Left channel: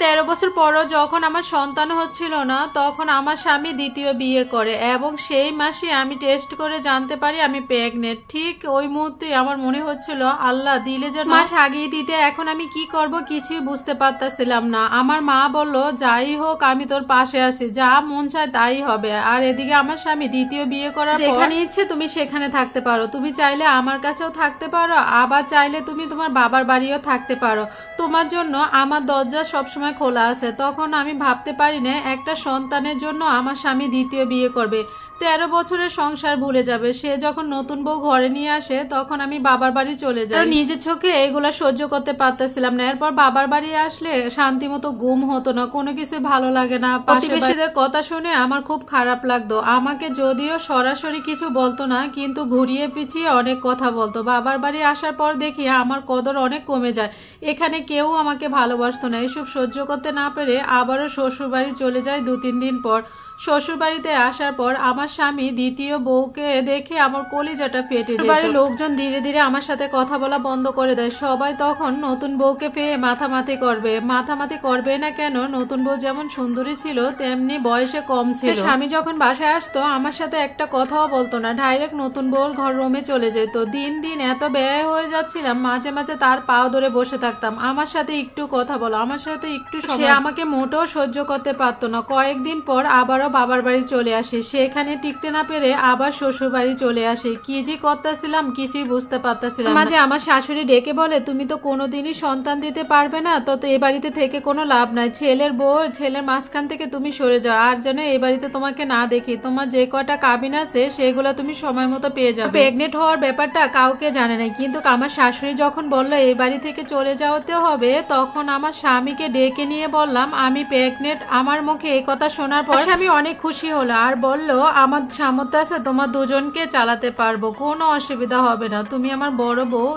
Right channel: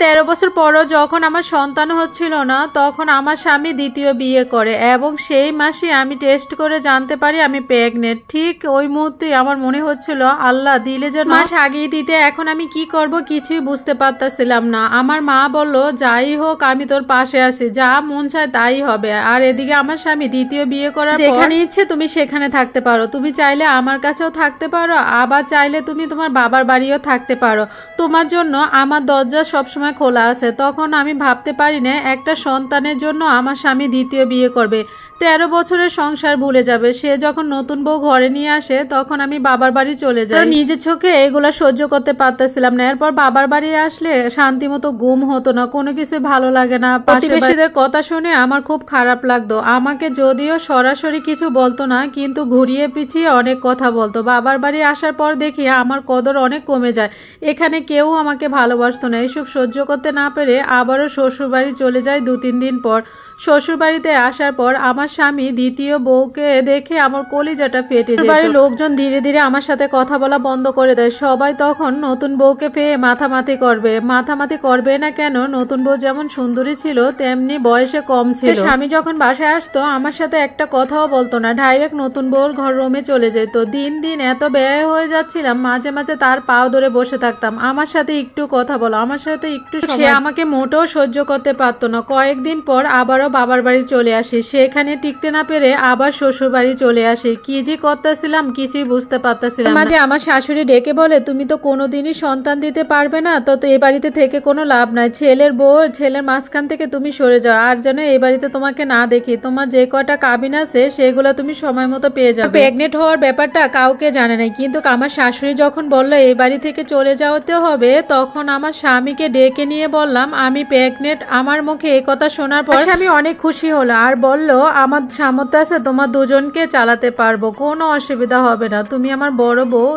13 বছর পরও যখন আমার সন্তান হচ্ছিল না, তখন আমার স্বামী দ্বিতীয় বিয়ে করে এবং সেই মাসে আমি টেস্ট করে জানতে পারি আমি প্রেগনেন্ট। ঠিক ওই মুহূর্তে আমার মনে হচ্ছিল আল্লাহ দিলে যেন মাস আগেই দিতে। এখন আমি কি করব কিছুই বুঝতে পারতাছিলাম না। আমার মা বলল, যাই হোক আমি তোর পাশে আছি, যা মন চায় তাই হবে। আর এদিকে আমার স্বামী দ্বিতীয় বিয়ে করার পর যেখানে ইচ্ছে তুমি সেখানে থাকতে পারো, তুমি চাইলে আমার কাছেও থাকতে পারো, আবার চাইলে তুমি তোমার বাবার বাড়িও থাকতে পারো, তোমার জন্য আমার দরজা সবসময় খোলা আছে। তখন আমি ভাবতে পারি না একটা সন্তানের জন্য আমার স্বামী দ্বিতীয় বিয়ে করবে। 13 বছরের সংসার ভুলে যাবে। সে যখন নতুন বউ ঘরে নিয়ে আসে তখন আমি বাবার বাড়ি চলে যাই। নিজের চোখে এগুলা সহ্য করতে পারতেছিলাম না। এরপর বাবার বাড়ি আসলে শান্তি মতো ঘুম হতো না, কোনো কিছু ভালো লাগে না। প্রতিবেশীদের কথা শুনে আমার খুব খারাপ লাগতো। আমাকে যদিও সরাসরি কিছু বলতো না, কিন্তু ঘুরিয়ে পিছিয়ে অনেক কথা বলতো। বাবার বাড়ি আসার পর দেখি আমার কদর অনেক কমে যায়। এখানে কেউ আমাকে ভালোবাসতো না। এসব সহ্য করতে না পেরে আবারও শ্বশুর বাড়ি চলে যায় 2-3 দিন পর। শ্বশুর বাড়িতে আসার পর আমার স্বামী দ্বিতীয় বউকে দেখে আমার কলিজাটা ফেটে যায়। বাড়ির লোকজন ধীরে ধীরে আমার সাথে কথা বলা বন্ধ করে দেয়। সবাই তখন নতুন বউকে পেয়ে মাথামাতি করবে না কেন? নতুন বউ যেমন সুন্দরী ছিল তেমনি বয়সে কম ছিল। স্বামী যখন বাসায় আসতো আমার সাথে একটা কথাও বলতো না, ডাইরেক্ট নতুন বউর ঘর রুমে চলে যেত। দিন দিন এত ব্যয় হয়ে যাচ্ছিলাম, মাঝে মাঝে তার পাও ধরে বসে থাকতাম, আমার সাথে একটু কথা বলো, আমার সাথে একটু। সে আমাকে মোটেও সহ্য করতে পারতো না। কয়েকদিন পর আবারও বাবার বাড়ি চলে আসি। সেখানে টিকতে না পেরে আবার শ্বশুর বাড়ি চলে আসি। কি যে করতেছিলাম কিছুই বুঝতে পারতেছিলাম। মাঝে আমার শাশুড়ি ডেকে বলে, তুমি তো কোনোদিনই সন্তান দিতে পারবে না, তো এই বাড়িতে থেকে কোনো লাভ নাই। ছেলের বউ ছেলের মাঝখান থেকে তুমি সরে যাও, আর যেন এই বাড়িতে তোমাকে না দেখি। তোমার যে কটা কাবিন আছে সেগুলো তুমি সময় মতো পেয়ে যাবে। প্রেগনেন্ট হওয়ার ব্যাপারটা কাউকে জানে নাই, কিন্তু আমার শাশুড়ি যখন বললো এই বাড়ি থেকে চলে যাওয়াতে হবে, তখন আমার স্বামীকে ডেকে নিয়ে বললাম আমি প্রেগনেন্ট। আমার মুখে এই কথা শোনার পর স্বামী অনেক খুশি হলো আর বলল, আমার সামর্থ্য আছে, তোমার দুজনকে চালাতে পারবো, কোনো অসুবিধা হবে না। তুমি আমার বড় বউ,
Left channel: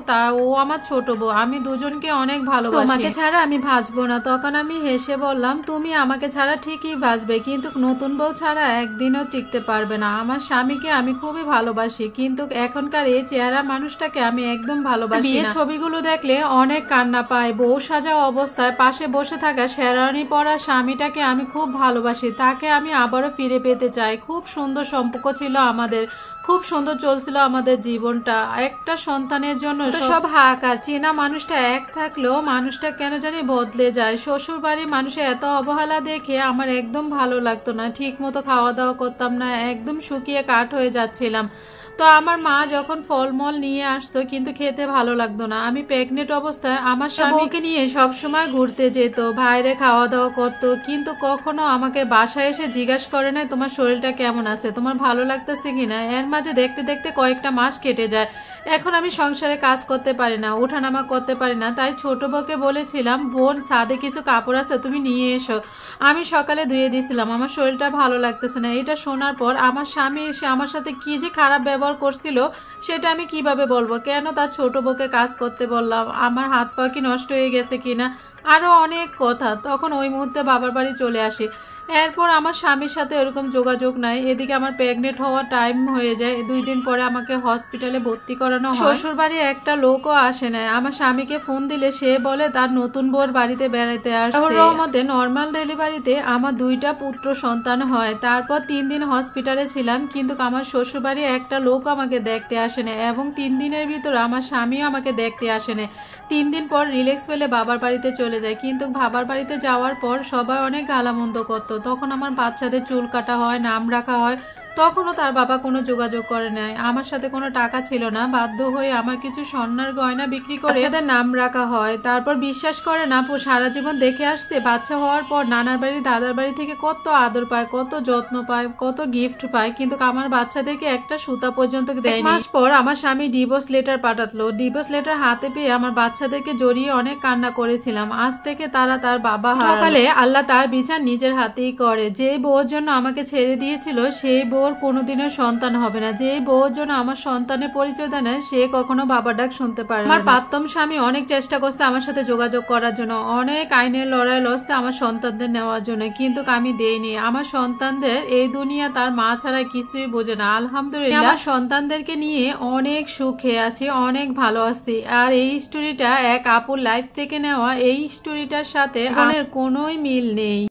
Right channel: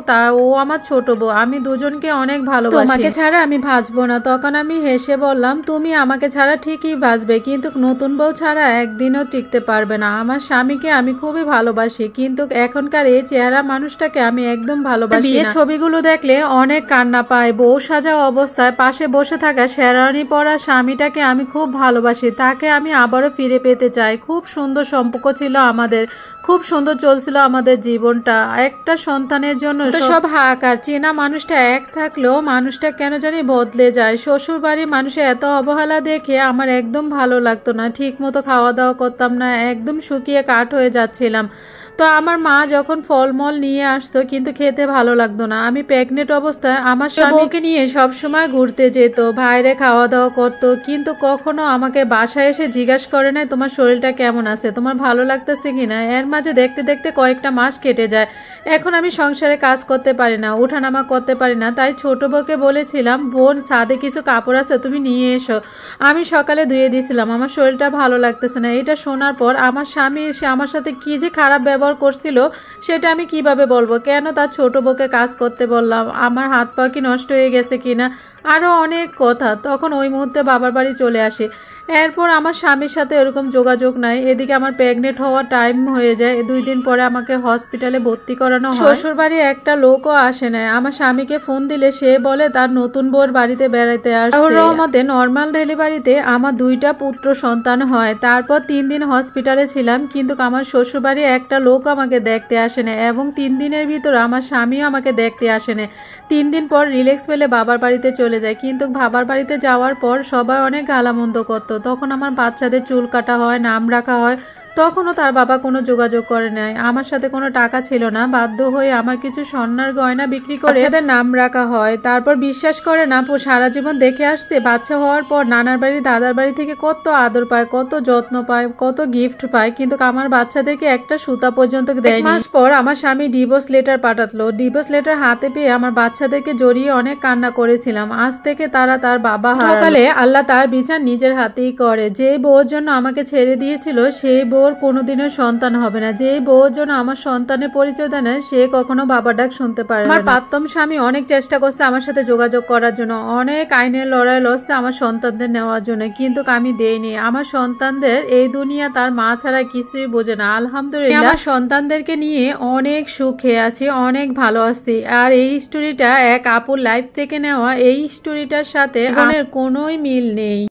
ও আমার ছোট বউ, আমি দুজনকে অনেক ভালোবাসি, তোমাকে ছাড়া আমি ভাজবো না। তখন আমি হেসে বললাম, তুমি আমাকে ছাড়া ঠিকই ভাজবে, কিন্তু নতুন বউ ছাড়া একদিনও টিকতে পারবে না। আমার স্বামীকে আমি খুবই ভালোবাসি, কিন্তু এখনকার এই চেহারা মানুষটাকে আমি একদম ভালোবাসি না। বিয়ের ছবিগুলো দেখলে অনেক কান্না পায়। বউ সাজা অবস্থায় পাশে বসে থাকা শেরওয়ানি পরা স্বামীটাকে আমি খুব ভালোবাসি, তাকে আমি আবারও ফিরে পেতে চাই। খুব সুন্দর সম্পর্ক ছিল আমাদের, খুব সুন্দর চলছিল আমাদের জীবনটা। একটা সন্তানের জন্য সব হাহাকার। চেনা মানুষটা এক থাকলেও মানুষটা কেন জানি বদলে যায়। শ্বশুর বাড়ি মানুষের এত অবহেলা দেখে আমার একদম ভালো লাগতো না। ঠিক মতো খাওয়া দাওয়া করতাম না, একদম শুকিয়ে কাঠ হয়ে যাচ্ছিলাম। তো আমার মা যখন ফলমল নিয়ে আসতো কিন্তু খেতে ভালো লাগতো না। আমি প্রেগনেন্ট অবস্থায় আমার স্বামীকে নিয়ে সবসময় ঘুরতে যেত, বাইরে খাওয়া দাওয়া করতো, কিন্তু কখনো আমাকে বাসায় এসে জিজ্ঞাসা করে নাই তোমার শরীরটা কেমন আছে, তোমার ভালো লাগতেছে কিনা। এর মাঝে দেখতে দেখতে কয়েকটা মাস কেটে যায়। এখন আমি সংসারে কাজ করতে পারি না, উঠানামা করতে পারি না। তাই ছোট বউকে বলেছিলাম, বোন ছাদে কিছু কাপড় আছে তুমি নিয়ে এসো। আমি সকালে ধুয়ে দিয়েছিলাম, আমার শরীরটা ভালো লাগতেছে না। এটা শোনার পর আমার স্বামী এসে আমার সাথে কি যে খারাপ ব্যবহার করছিল সেটা আমি কিভাবে বলবো। কেন তার ছোট বউকে কাজ করতে বললাম, আমার হাত পা কি নষ্ট হয়ে গেছে কিনা, আরো অনেক কথা। তখন ওই মুহূর্তে বাবার বাড়ি চলে আসি। এরপর আমার স্বামীর সাথে এরকম যোগাযোগ নাই। এদিকে আমার প্রেগনেন্ট হওয়ার টাইম হয়ে যায়। 2 দিন পরে আমাকে হসপিটালে ভর্তি করানো হয়। শ্বশুর বাড়ি একটা লোকও আসে না। আমার স্বামীকে ফোন দিলে সে বলে তার নতুন বউর বাড়িতে বেড়াতে আসছে। আমাদের নর্মাল ডেলিভারিতে আমার 2টা পুত্র সন্তান হয়। তারপর 3 দিন হসপিটালে ছিলাম, কিন্তু আমার শ্বশুর বাড়ি একটা লোক আমাকে দেখতে আসে না, এবং 3 দিনের ভিতরে আমার স্বামীও আমাকে দেখতে আসে না। 3 দিন পর রিল্যাক্স পেলে বাবার বাড়িতে চলে যায়, কিন্তু বাবার বাড়িতে যাওয়ার পর সবাই অনেক গালামন্দ করতো। তখন আমার বাচ্চাদের চুল কাটা হয়, নাম রাখা হয়, তখনও তার বাবা কোনো যোগাযোগ করে নাই। আমার সাথে কোনো টাকা ছিল না, বাধ্য হয়ে আমার কিছু স্বর্ণের গয়না বিক্রি করে তাদের নাম রাখা হয়। তারপর বিশ্বাস করে না, সারা জীবন দেখে আসছে বাচ্চা হওয়ার পর নানার বাড়ি দাদার বাড়ি থেকে কত আদর পায়, কত যত্ন পায়, কত গিফট পায়, কিন্তু আমার বাচ্চাদেরকে একটা সুতা পর্যন্ত দেয়নি। 1 মাস পর আমার স্বামী ডিভোর্স লেটার পাঠালো। ডিভোর্স লেটার হাতে পেয়ে আমার বাচ্চাদেরকে জড়িয়ে অনেক কান্না করেছিলাম। আজ থেকে তারা তার বাবা হারালে আল্লাহ তার বিচার নিজের হাতেই করে। যে বউর জন্য আমাকে ছেড়ে দিয়েছিল সেই বউর ওর কোনোদিনও সন্তান হবে না। যে বউর জন্য আমার সন্তানের পরিচয় দেয় না, সে কখনো বাবা ডাক শুনতে পারে না। আমার প্রাক্তন স্বামী অনেক চেষ্টা করছে আমার সাথে যোগাযোগ করার জন্য, অনেক আইনের লড়াই লড়ছে আমার সন্তানদের নেওয়ার জন্য, কিন্তু আমি দেইনি। আমার সন্তানদের এই দুনিয়া তার মা ছাড়া কিছুই বোঝে না। আলহামদুলিল্লাহ আমার সন্তানদেরকে নিয়ে অনেক সুখে আছি, অনেক ভালো আছি। আর এই স্টোরিটা এক আপুর লাইফ থেকে নেওয়া, এই স্টোরিটার সাথে আমার কোনোই মিল নেই।